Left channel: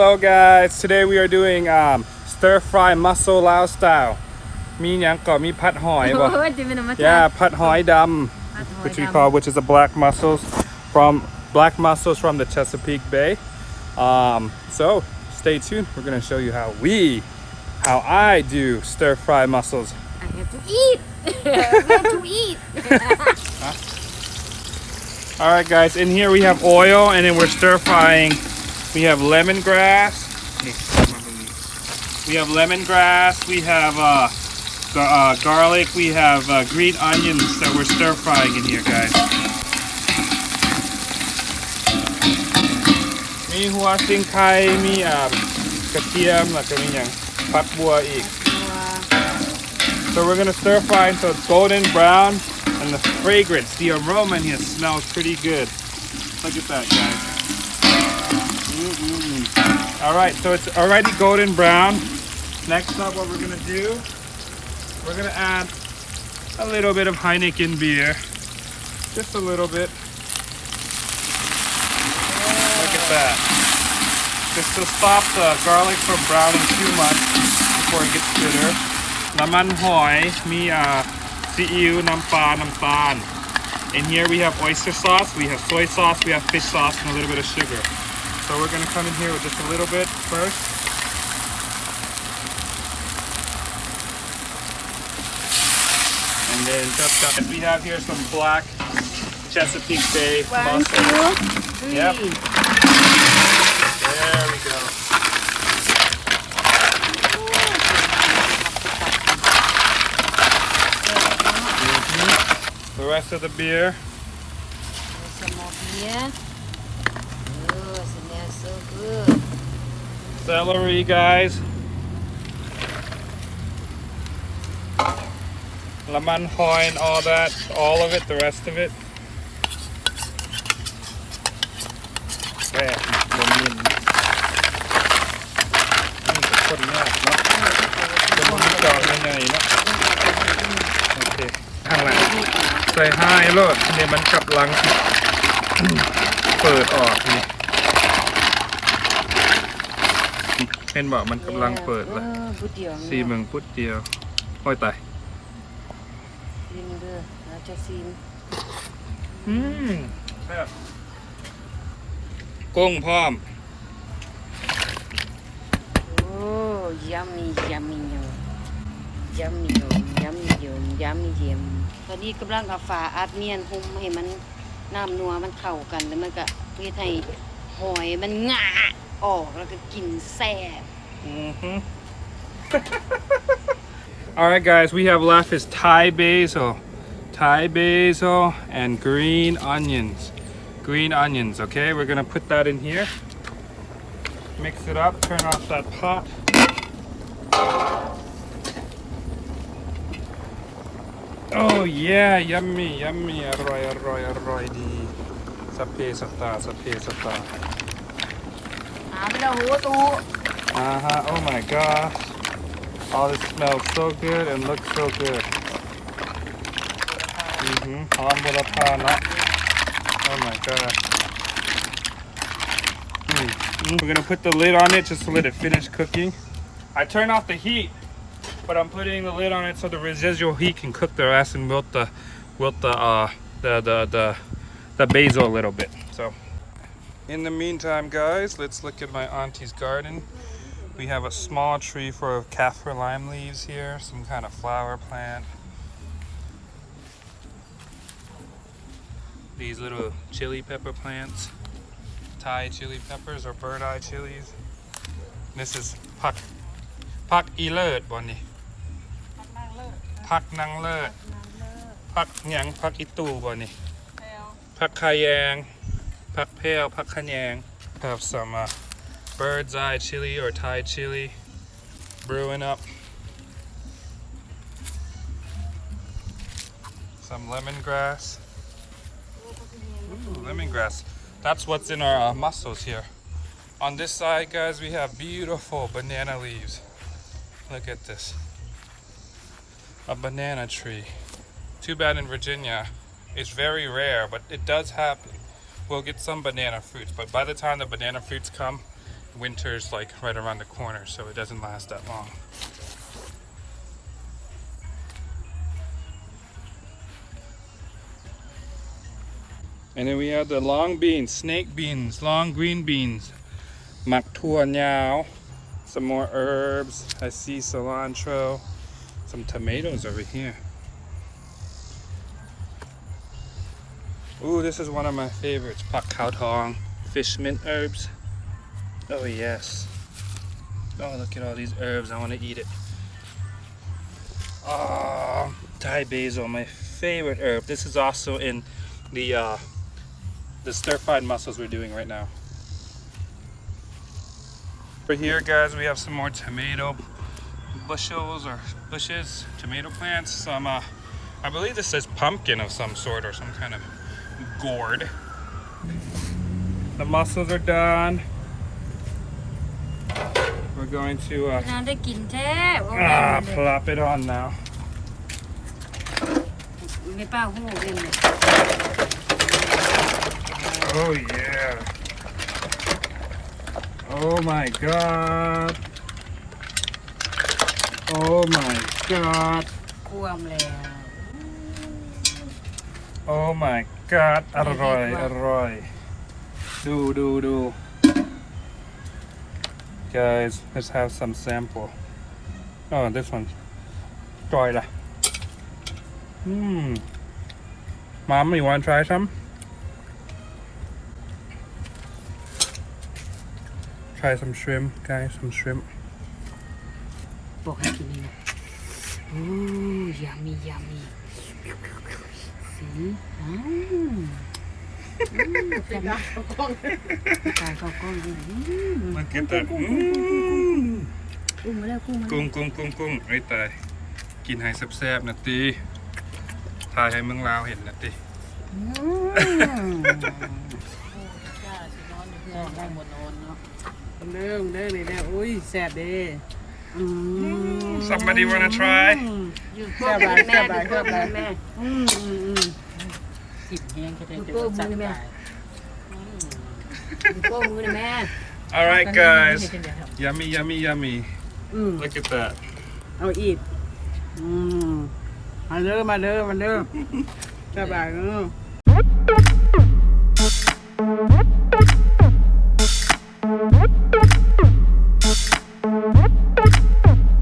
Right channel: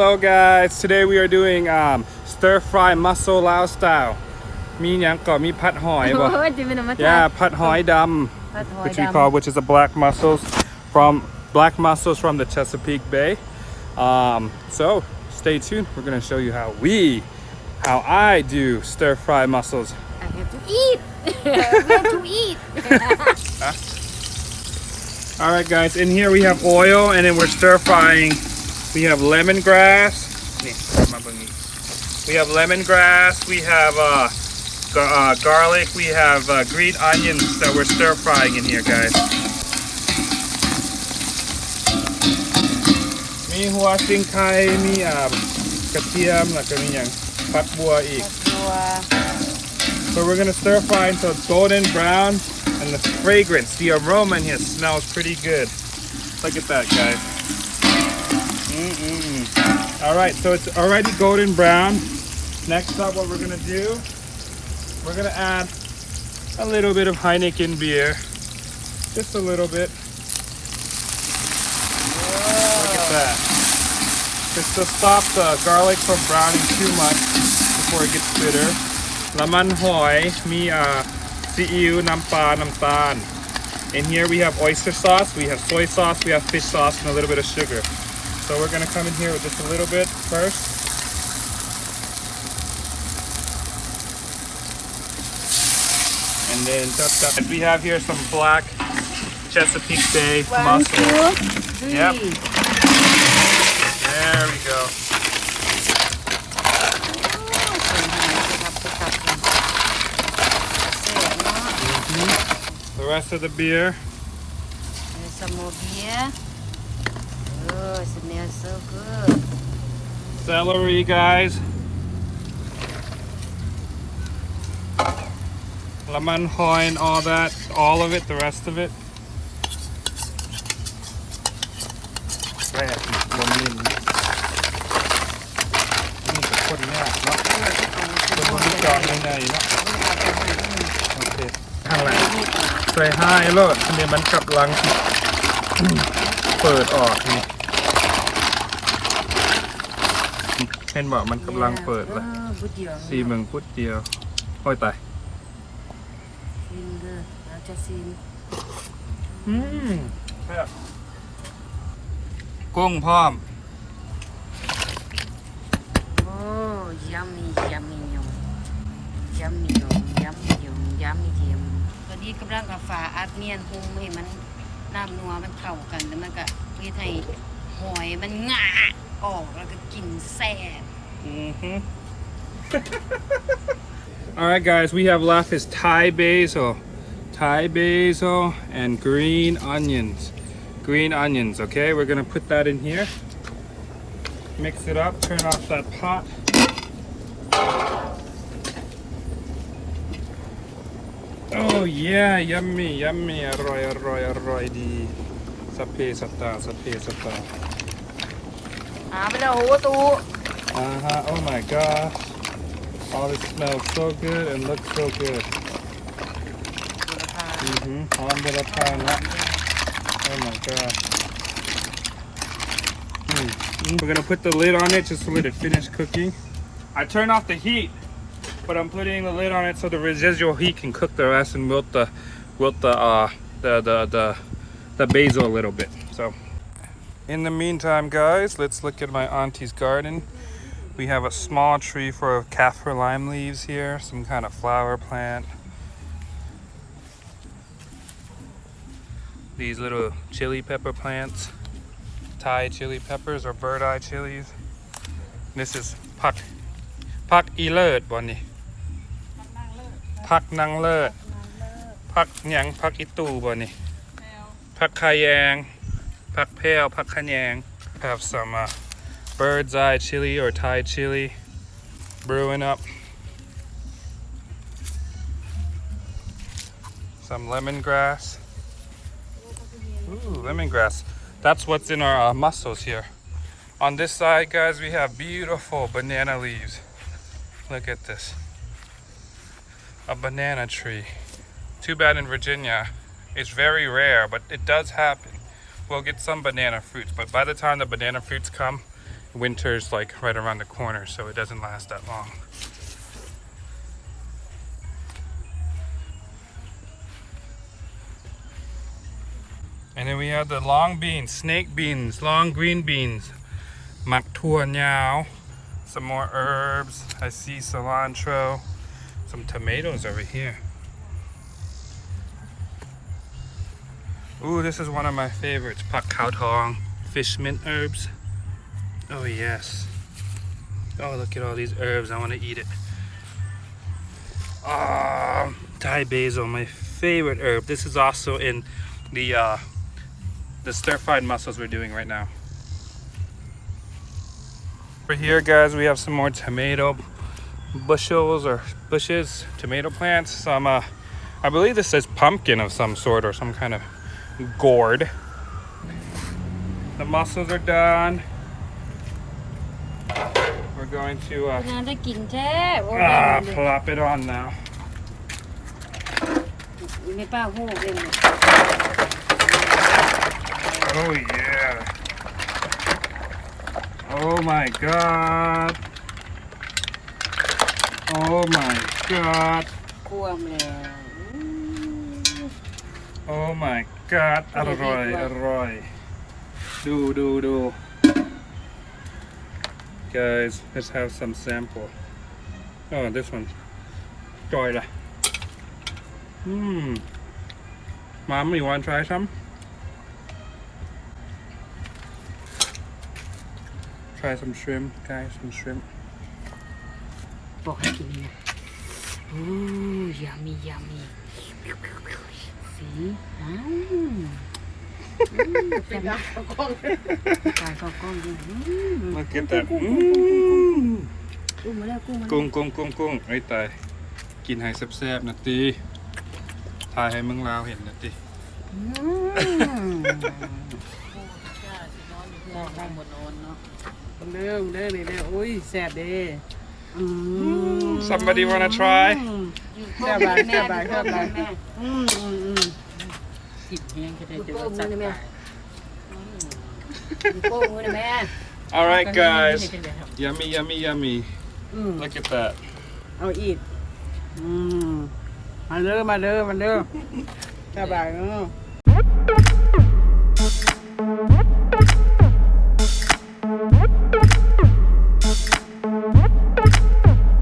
Hello guys, today we are doing stir fry mussel Lao style มีหยังก็มีผัดหอยบ่ Yeah, ผัดหอยดำ which is a black mussels from the Chesapeake Bay. So stay tuned. We're gonna show you how I do stir fry mussels. I have to eat. We have to eat. All right, guys. In here we have oil, and then we're stir frying. We have lemongrass. We have lemongrass. We have garlic. We have green onions that we're stir frying in here, guys. มีหัวซิงไคมีกระเทียมแล้วก็มีอย่างผักบัวอีก So we're gonna stir fry until it's golden brown, and the fragrance, the aroma in here smells pretty good. Look at that, guys. All right, so it's already golden brown. Next up, what we're gonna do, we're gonna add a little bit of Heineken beer, just a little bit. Look at that. Just to stop the garlic from browning too much before it gets bitter. น้ำมันหอยมีซีอิ๊วน้ำปลาน้ำตาล In here we have oyster sauce, we have soy sauce, we have fish sauce, and a little bit of sugar. So we're going to come in here with just a little bit first. And then we have here some black Chesapeake Bay mussels. Yep. There we go. The rest of the beer. Some more beer. Oh, it smells so good. Celery, guys. Lemon hoi and all that, all of it, the rest of it. There, lemon. Okay. ใส่ให้โลดเนี่ยมันกำลังเปิดออกนี่เห็นบอกมันกำลังเปิดแล้วซีเมืองพุดเดียวโอ้ยตายซีนเด้อเราจะซีนกุ้งพร้อมโอ้ yummy yummy yummy yummy yummy yum ตอนนี้กำลังเอาฝาอัดเนียนหุ้มให้มันน้ำนัวมันเข้ากันแล้วมันก็เพื่อให้หอยมันงะออกแล้วก็กินแซ่บAlright guys, we have left is Thai basil and green onions. Okay, we're gonna put that in here. Mix it up, turn off that pot. Oh yeah, yummy. อร่อยดีสัพเพสัตตาไปแล้วโหตูOh my gosh. Oh, this smells so good and looks so good. หอมบุรพานะ Oh my god. We're gonna put the lid on it just to let it finish cooking. I turn off the heat, but I'm putting the lid on it so the residual heat can cook the rest and wilt the basil a little bit. So, in the meantime, guys, let's look at my auntie's garden. We have a small tree for kaffir lime leaves here, some kind of flower plant. These little chili pepper plants, Thai chili peppers or bird eye chilies. This is pak ilet, Bonnie. Pak nang let. Pak nyang, pak itu, Bonnie. Pak kayang, pak pale, pak kanyang. Have some bird's eye chili or Thai chili brewing up. Some lemongrass. Ooh, lemongrass. That's what's in our mussels here. On this side, guys, we have beautiful banana leaves. Look at this. A banana tree. Too bad in Virginia. It's very rare, but it does happen. We'll get some banana fruits, but by the time the banana fruits come, winter's like right around the corner, so it doesn't last that long. And then we have the long beans, snake beans, long green beans, mak tua nyao, some more herbs. I see cilantro, some tomatoes over here. Ooh, this is one of my favorites, pak khao tong, fish mint herbs. Oh yes. Oh, look at all these herbs. I want to eat it. Oh, Thai basil, my favorite herb. This is also in the stir-fried mussels we're doing right now. Over here, guys, we have some more tomato bushes, tomato plants. Some, I believe this is pumpkin of some sort or some kind of gourd. The mussels are done. We're going to plop it on now. Oh yeah. Oh my god. Oh my god. Oh my god. อร่อยอร่อย do. Guys, let's have some sample. Oh, this one. Try it. Mom, you want to try some? Try some shrimp, guys, some shrimp. บอกให้กินนี่นะโอ้ยามีแต่ละกล้องถ่ายเข้ากล้องด้วย Look at that. กุ้งมาแล้วกุ้ง ไอ้ตายกินให้แซ่บๆนะตีถ่ายให้เมืองลาวเห็นนะตีเด้อนี่แหละอุ้ยแซ่บเด้ Somebody wanna try? แซ่บหลายกินแห้งแค่ได้จะว่าจัดได้ Alright guys, yummy. Look at that. เอาอีกมาเด้อแซ่บหลาย